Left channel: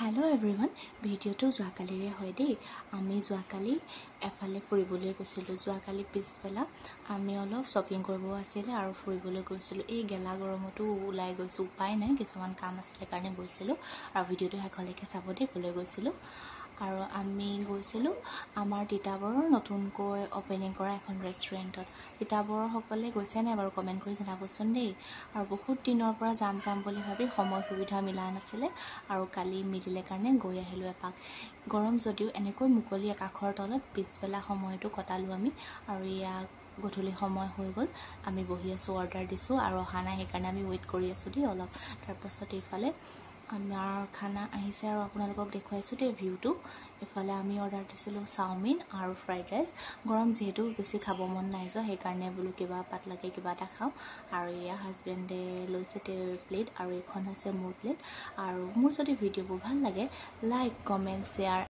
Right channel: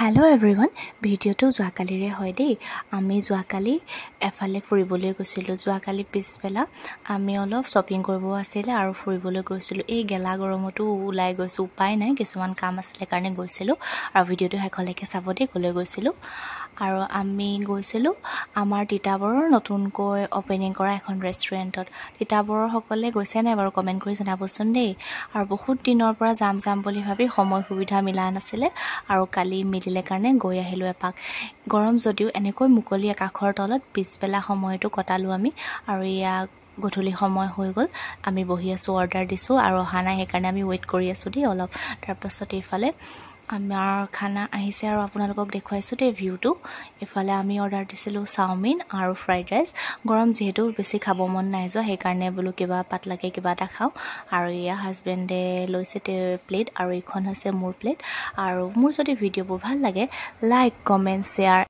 Hello everyone, ভিডিওটো যোৱাকালিৰে হয় দেই আমি যোৱাকালি এফালে ফুৰিবলৈ গৈছিলোঁ যোৱাকালি পিছবেলা আমি অলপ শ্বপিং কৰিব আছিল আৰু ফুৰিবলৈ গৈছিলোঁ এই গেলা গৰমতো ওলাই গৈছোঁ উপায় নাই কিছুমান কাম আছিল কাৰণে গৈছিলোঁ আৰু ভিডিওটো শেষলৈকে চাব দেই গলৈ গৈছিলোঁ আৰু আমি গৈছিলোঁ আমাৰ তিতাবৰৰ নতুনকৈ ওপেনিং কৰা এখন ৰেষ্টুৰেণ্টত তিতাবৰৰ সকলে গৈছে নাই বাৰু কমেন্ট কৰি জনাবচোন দেই আৰু বহুত দিনৰ পৰা যাম বুলি ভাবি সময় সুবিধা মিলা নাছিলে আৰু কালি মিলিলে কাৰণে গৈ আহিলোঁ এপাক গৰম যদিও এনেকৈ মুকলি আকাশৰ তলত পিছবেলা সময়টো কটালো আমি আৰু ইয়া গধূলি সময় হৈ গ'ল আমি বহি আছো অৰ্ডাৰ দিছো আৰু অহা নাই সেইকাৰণে আমি ওয়েট কৰি আছো দেই অলপ তাৰ পাছত ইফালে আমাৰ খানা আহিছে আৰু আপোনালোকক দেখুৱাইছো দে ভিউটো ইফালে আমি অৰ্ডাৰ দিছিলো চাওমিন আৰু ফ্ৰাইড ৰাইচ গৰম যেহেতু বেছি খাব মন নাই যোৱা সেইকাৰণে বলো কিবা পাতলাকে কিবা এটা খাও আৰু ইয়া হাজবেণ্ডে লৈছে প্লেট আৰু ইখন হৈছে মোৰ প্লেট আৰু মোৰ যদি ভিডিওবোৰ ভাল লাগে লাইক কমেন্ট শেয়াৰ